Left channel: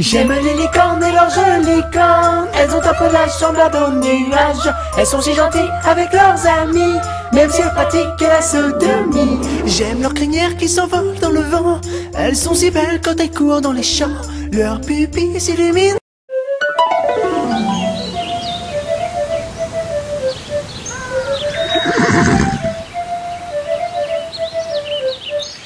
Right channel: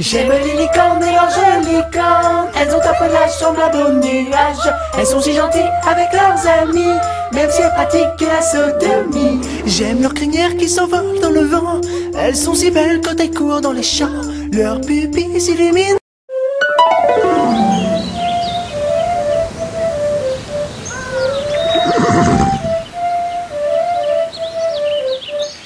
J'aime les licornes et leurs jolies cornes. Elles ont un pelage semblable aux nuages. Elles sont si gentilles avec leurs amis, même si elles pratiquent la sodomie. J'aime leurs crinières qui s'envolent dans le vent. Elles sont si belles quand elles courent dans les champs. Leurs pupilles s'illuminent.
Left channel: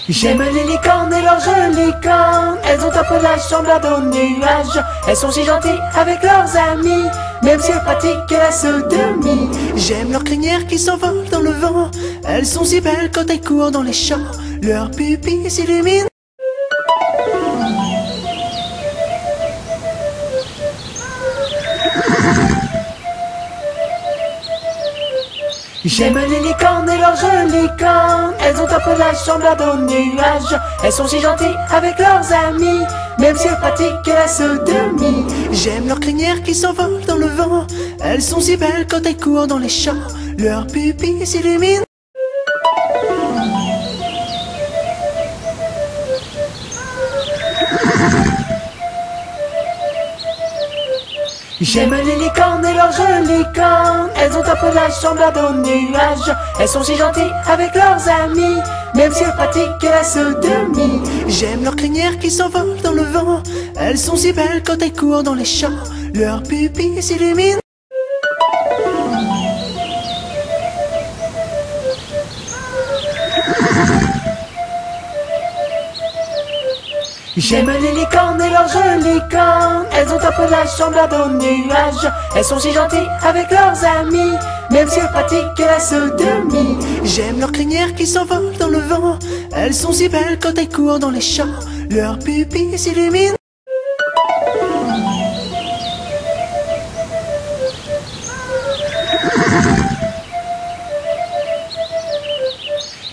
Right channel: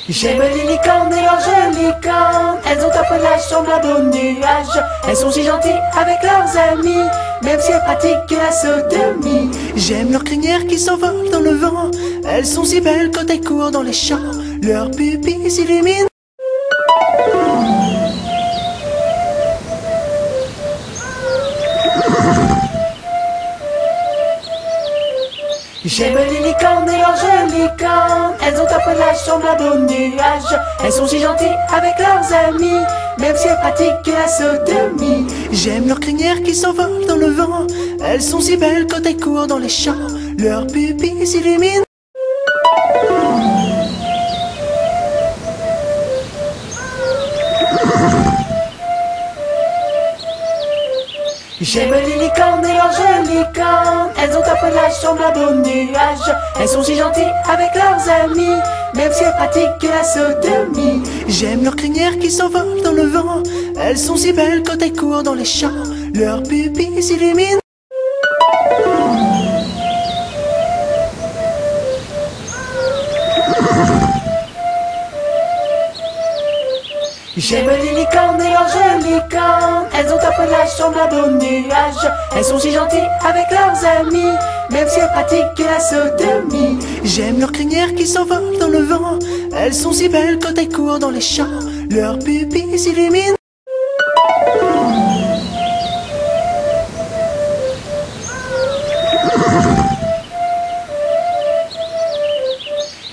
J'aime les licornes et leurs jolies cornes. Elles ont un pelage semblable aux nuages. Elles sont si gentilles avec leurs amis, même si elles pratiquent la sodomie. J'aime leurs crinières qui s'envolent dans le vent. Elles sont si belles quand elles courent dans les champs. Leurs pupilles s'illuminent. J'aime les licornes et leurs jolies cornes. Elles ont un pelage semblable aux nuages. Elles sont si gentilles avec leurs amis, même si elles pratiquent la sodomie. J'aime leurs crinières qui s'envolent dans le vent. Elles sont si belles quand elles courent dans les champs. Leurs pupilles s'illuminent. J'aime les licornes et leurs jolies cornes. Elles ont un pelage semblable aux nuages. Elles sont si gentilles avec leurs amis, même si elles pratiquent la sodomie. J'aime leurs crinières qui s'envolent dans le vent. Elles sont si belles quand elles courent dans les champs. Leurs pupilles s'illuminent. J'aime les licornes et leurs jolies cornes. Elles ont un pelage semblable aux nuages. Elles sont si gentilles avec leurs amis, même si elles pratiquent la sodomie. J'aime leurs crinières qui s'envolent dans le vent. Elles sont si belles quand elles courent dans les champs. Leurs pupilles s'illuminent.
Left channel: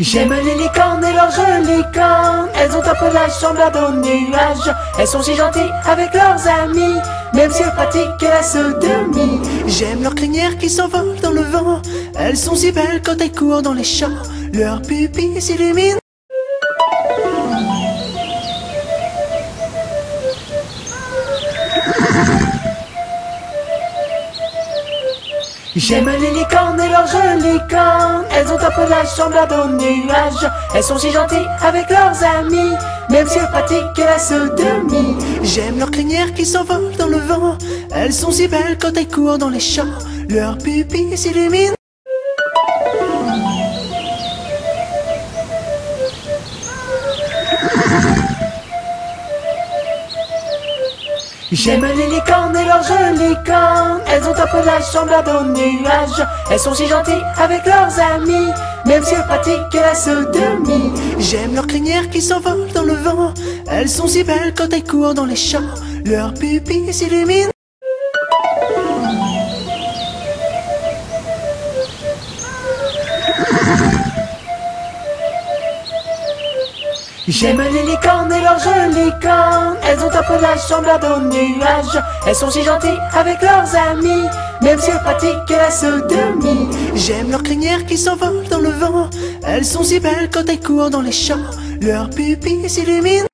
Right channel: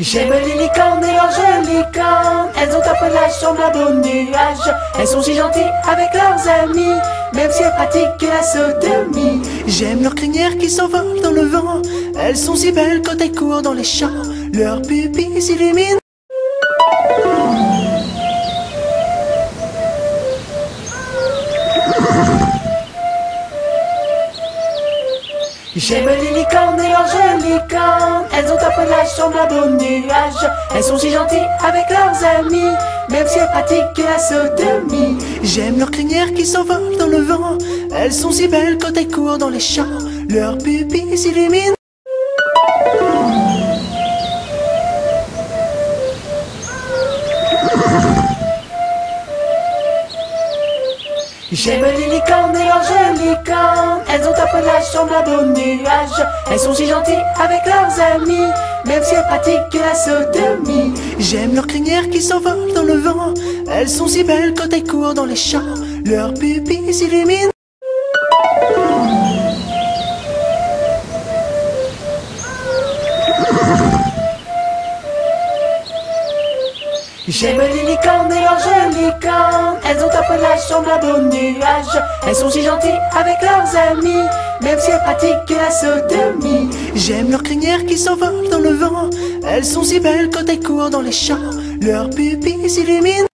J'aime les licornes et leurs jolies cornes. Elles ont un pelage semblable aux nuages. Elles sont si gentilles avec leurs amis, même si elles pratiquent la sodomie. J'aime leurs crinières qui s'envolent dans le vent. Elles sont si belles quand elles courent dans les champs. Leurs pupilles s'illuminent. J'aime les licornes et leurs jolies cornes. Elles ont un pelage semblable aux nuages. Elles sont si gentilles avec leurs amis, même si elles pratiquent la sodomie. J'aime leurs crinières qui s'envolent dans le vent. Elles sont si belles quand elles courent dans les champs. Leurs pupilles s'illuminent. J'aime les licornes et leurs jolies cornes. Elles ont un pelage semblable aux nuages. Elles sont si gentilles avec leurs amis, même si elles pratiquent la sodomie. J'aime leurs crinières qui s'envolent dans le vent. Elles sont si belles quand elles courent dans les champs. Leurs pupilles s'illuminent. J'aime les licornes et leurs jolies cornes. Elles ont un pelage semblable aux nuages. Elles sont si gentilles avec leurs amis, même si elles pratiquent la sodomie. J'aime leurs crinières qui s'envolent dans le vent. Elles sont si belles quand elles courent dans les champs. Leurs pupilles s'illuminent.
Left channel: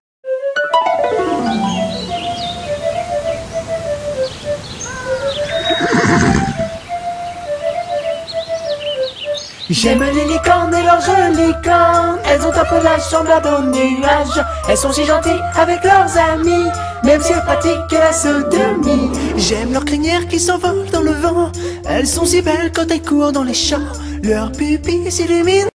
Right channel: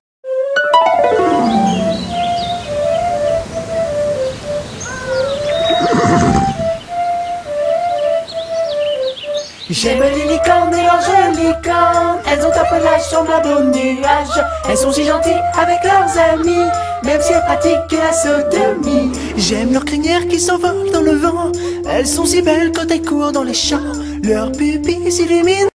J'aime les licornes et leurs jolies cornes. Elles ont un pelage semblable aux nuages. Elles sont si gentilles avec leurs amis, même si elles pratiquent la sodomie. J'aime leurs crinières qui s'envolent dans le vent. Elles sont si belles quand elles courent dans les champs. Leurs pupilles s'illuminent.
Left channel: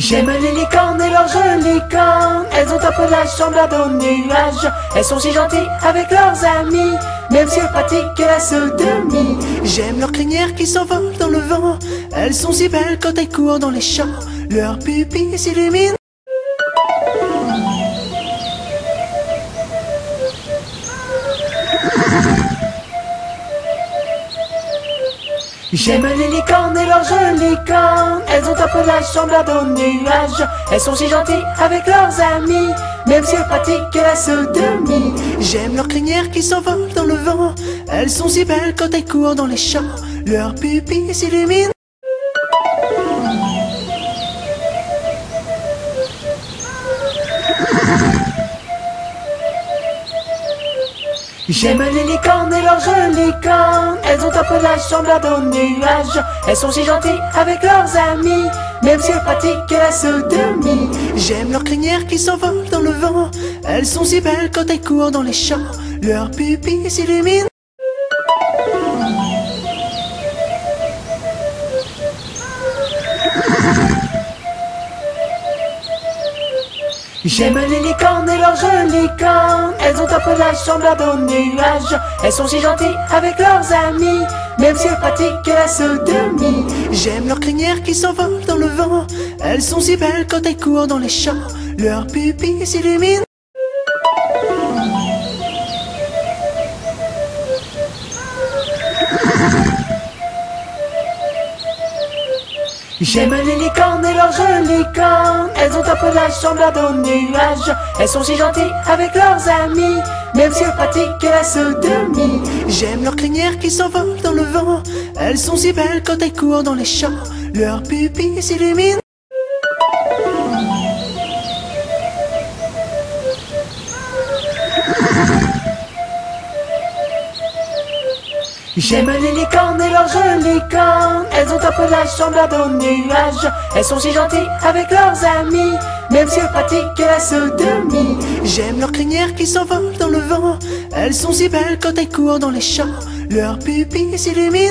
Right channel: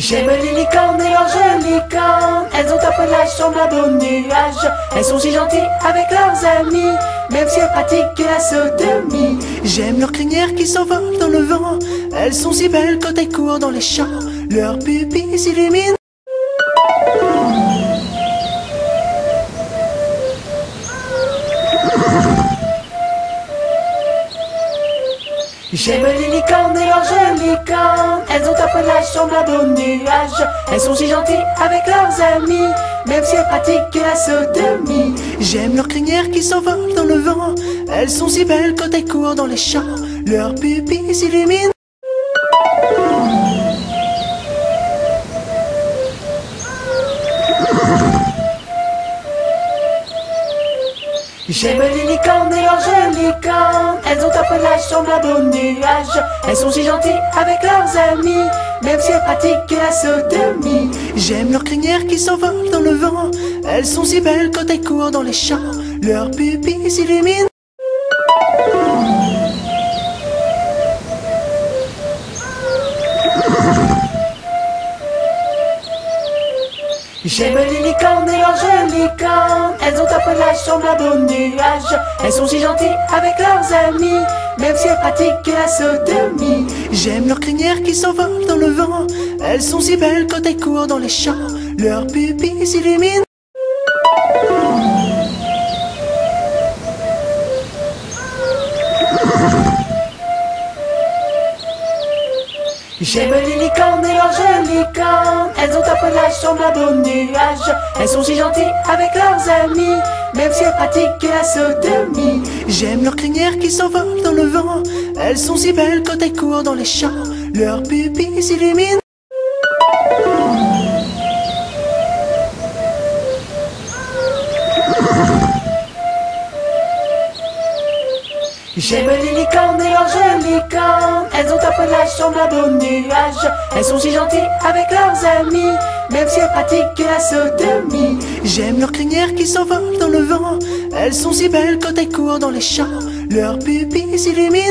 J'aime les licornes et leurs jolies cornes. Elles ont un pelage semblable aux nuages. Elles sont si gentilles avec leurs amis, même si elles pratiquent la sodomie. J'aime leurs crinières qui s'envolent dans le vent. Elles sont si belles quand elles courent dans les champs. Leurs pupilles s'illuminent. J'aime les licornes et leurs jolies cornes. Elles ont un pelage semblable aux nuages. Elles sont si gentilles avec leurs amis, même si elles pratiquent la sodomie. J'aime leurs crinières qui s'envolent dans le vent. Elles sont si belles quand elles courent dans les champs. Leurs pupilles s'illuminent. J'aime les licornes et leurs jolies cornes. Elles ont un pelage semblable aux nuages. Elles sont si gentilles avec leurs amis, même si elles pratiquent la sodomie. J'aime leurs crinières qui s'envolent dans le vent. Elles sont si belles quand elles courent dans les champs. Leurs pupilles s'illuminent. J'aime les licornes et leurs jolies cornes. Elles ont un pelage semblable aux nuages. Elles sont si gentilles avec leurs amis, même si elles pratiquent la sodomie. J'aime leurs crinières qui s'envolent dans le vent. Elles sont si belles quand elles courent dans les champs. Leurs pupilles s'illuminent. J'aime les licornes et leurs jolies cornes. Elles ont un pelage semblable aux nuages. Elles sont si gentilles avec leurs amis, même si elles pratiquent la sodomie. J'aime leurs crinières qui s'envolent dans le vent. Elles sont si belles quand elles courent dans les champs. Leurs pupilles s'illuminent. J'aime les licornes et leurs jolies cornes. Elles ont un pelage semblable aux nuages. Elles sont si gentilles avec leurs amis, même si elles pratiquent la sodomie. J'aime leurs crinières qui s'envolent dans le vent. Elles sont si belles quand elles courent dans les champs. Leurs pupilles s'illuminent.